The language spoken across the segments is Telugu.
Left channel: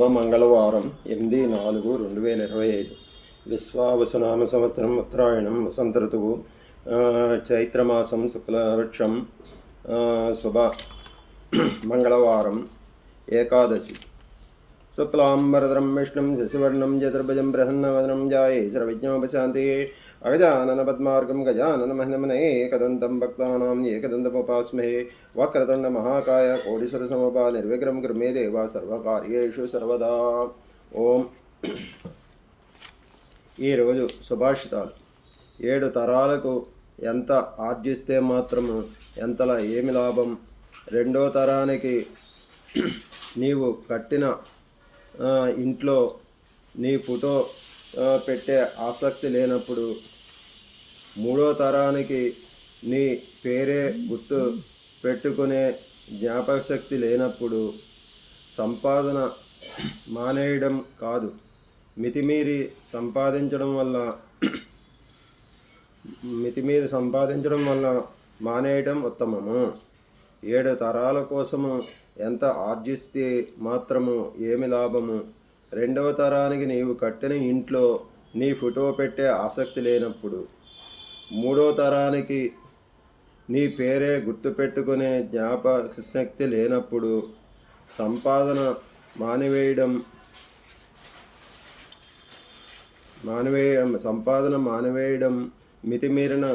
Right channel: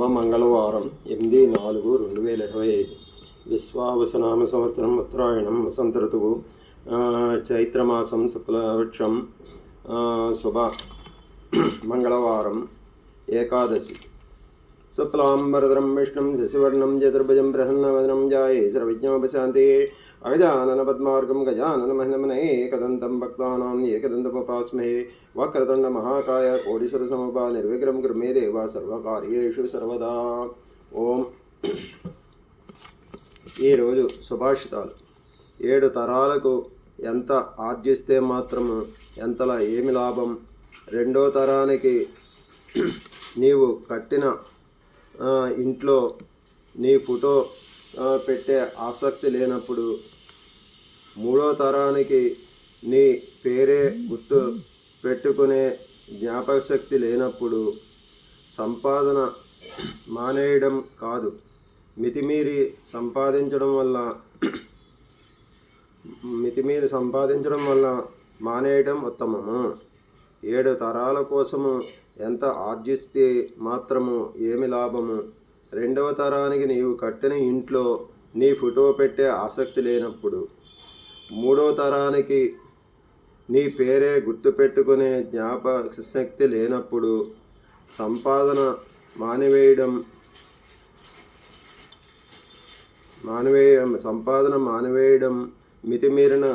శుభ మంగళవారం 8/4/2025 విశ్వావసునామ సంవత్సరం ఉత్తరాయణం వసంత ఋతువు చైత్రమాసం శుక్లపక్షం శుభ మంగళవారం ఏకాదశి. శుక్లాంబరధరం విష్ణుం శశివర్ణం చతుర్భుజం ప్రసన్నవదనం ధ్యాయే సర్వవిఘ్నోపశాంతయే అగజానన పద్మార్గం గజానన మహిమనే ఏకదంతం భక్తానాం ఏకదంతముపాస్మహే వక్రతుండ మహాకాయ కోటిసురసమభా నిర్విఘ్నం కురు మే దేవ సర్వకార్యేషు సర్వదా. ఓం. ఈరోజు సుభాషితాలు. 7 తరాలకు ఎంత ఆర్జిస్తే మాత్రము ఎంతలా ఏమి లాభం. 2వ తరానికి నీవు కట్టిన ఇంట్లో నీ ఫోటో పెట్టే ఆసక్తి లేనప్పుడు, 3వ తరానికి నీ పేరే గుర్తు పెట్టుకునే జ్ఞాపక శక్తి లేనప్పుడు సంపాదన మానేయడం కాదు, మితిమీరి సంపాదించడం వల్ల మానేయడం ఉత్తమము. 7 తరాల కోసము ఎంత ఆర్జిస్తే మాత్రము ఏమి లాభము. 2వ తరానికి నీవు కట్టిన ఇంట్లో నీ ఫోటో పెట్టే ఆసక్తి లేనప్పుడు, 3వ తరానికి నీ పేరే గుర్తుపెట్టుకునే జ్ఞాపక శక్తి లేనప్పుడు సంపాదన మానివేయడం మితిమీరిన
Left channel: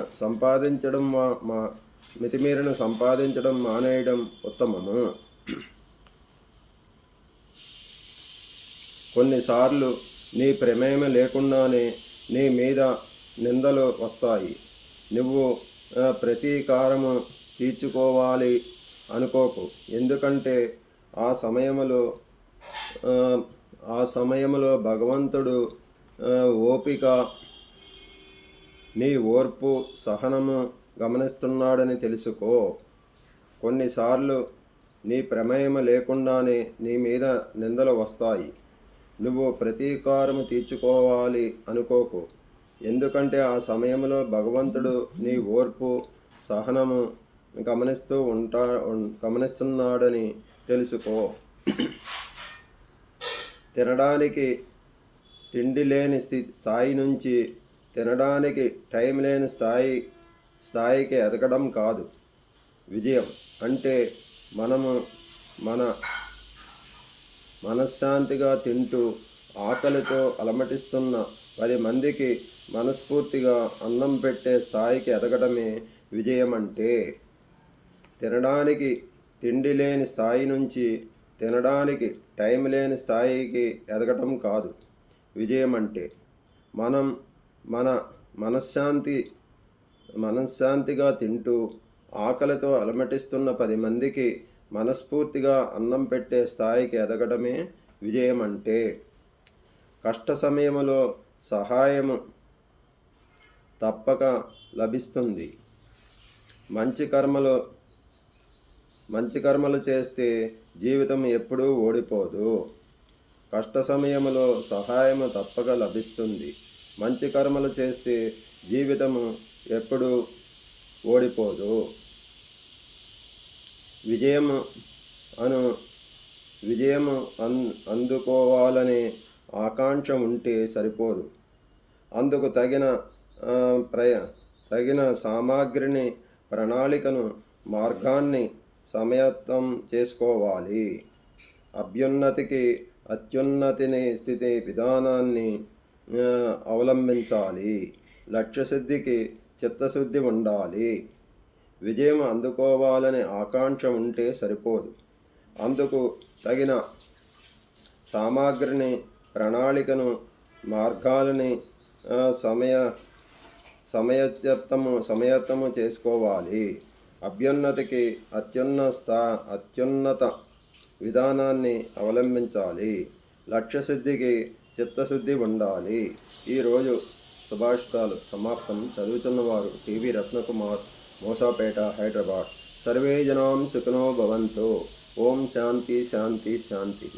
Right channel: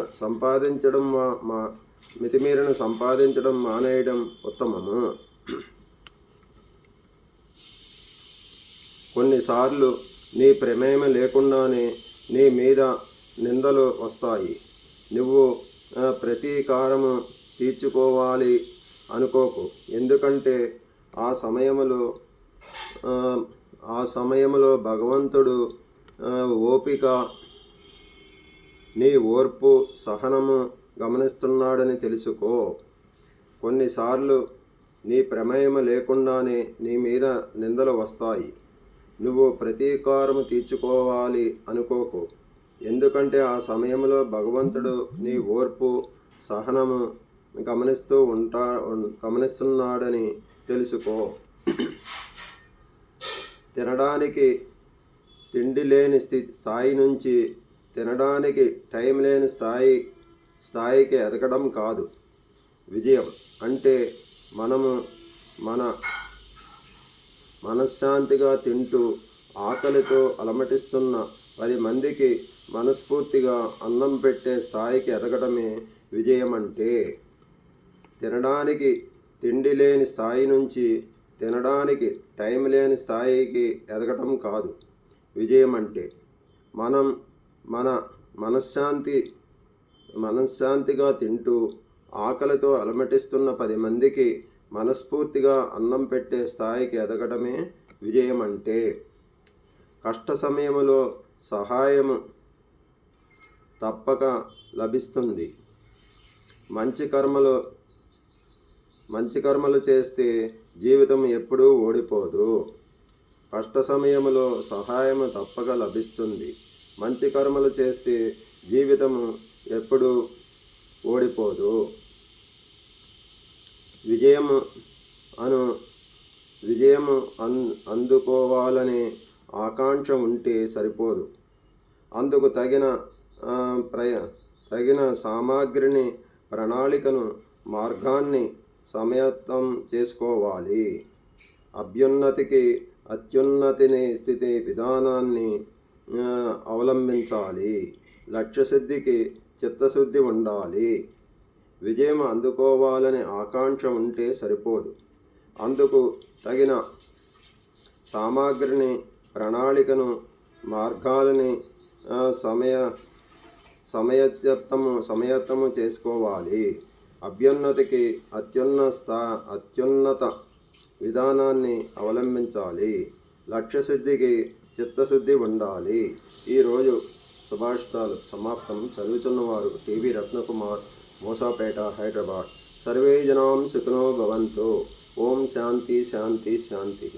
సంపాదించడం మానేయడం ఉత్తమము. కొన్నిసార్లు నీ ప్రమేయం లేకుండానే నీ మీద నిందలు వస్తాయి. నువ్వు ప్రతీకారము తీర్చుకోవాలి అనుకోకు, ఎందుకంటే ఆ సమయంలో భగవంతుడు నీ ఓర్పు సహనము గమనిస్తున్నాడని తెలుసుకో. కొన్నిసార్లు నీ ప్రమేయం లేకుండానే నీ మీద నిందలు వస్తాయి. నువ్వు ప్రతీకారము తీర్చుకోవాలి అనుకోకు, ఎందుకంటే ఆ సమయంలో భగవంతుడు నీ ఓర్పు సహనము గమనిస్తున్నాడని తెలుసుకో. తినడానికి తిండి లేని స్థాయి నుంచి తినడానికి టైం లేని స్థాయికి ఎదగడం కాదు విజయం. అంటే మనము మనశ్శాంతిగా తింటూ ఆకలితో అలమటిస్తున్న 10 మందికి మనస్ఫూర్తిగా అన్నం పెట్టే స్థాయికి ఎదగడమే విజయం. అంటే తినడానికి తిండి లేని స్థాయి నుంచి తినడానికి టైం లేని స్థాయికి ఎదగటం కాదు విజయం. అంటే మనం మనశ్శాంతిగా తింటూ ఆకలితో అలమటిస్తున్న 10 మందికి మనస్ఫూర్తిగా అన్నం పెట్టే స్థాయికి ఎదగడమే విజయం. అంటే కష్ట సమయంలో సహాయము తప్పక లభిస్తుంది. మంచి కర్మలు చేస్తే జీవితం ఎప్పుడూ ఓడిపోదు. కష్ట సమయంలో సహాయము తప్పక లభిస్తుంది. మంచి కర్మలు చేస్తే జీవితము ఎప్పుడూ ఓడిపోదు. విజయము అందుకోవాలనే ఆకాంక్ష ఉంటే సరిపోదు. అందుకు తగిన సామాగ్రిని, ప్రణాళికను, మార్గాన్ని సమయత్తం చేసుకోవాలి. అత్యున్నతిని స్థితి విధానాన్ని అవలంబించాలి. లక్ష్యసిద్ధికి చిత్తశుద్ధి ఉండాలి. విజయం అందుకోవాలనే ఆకాంక్ష ఉంటే సరిపోదు. అందుకు తగిన సామాగ్రిని, ప్రణాళికను, మార్గాలని సమయత్తము చేసుకోవాలి. అభ్యున్నతికి అత్యున్నత విధానాన్ని అవలంబించాలి. లక్ష్యసిద్ధికి చిత్తశుద్ధి ఉండాలి. ఈరోజు సుభాషితాలు సమాప్తం. చదువుతున్నవారు టీవీ రత్నకుమార్, మోసాపేట, హైదరాబాద్. సర్వే జనాం సుఖినో భవంతు. ఓం శాంతి శాంతి శాంతి.